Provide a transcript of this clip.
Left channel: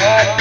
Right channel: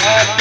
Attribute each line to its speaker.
Speaker 1: Happy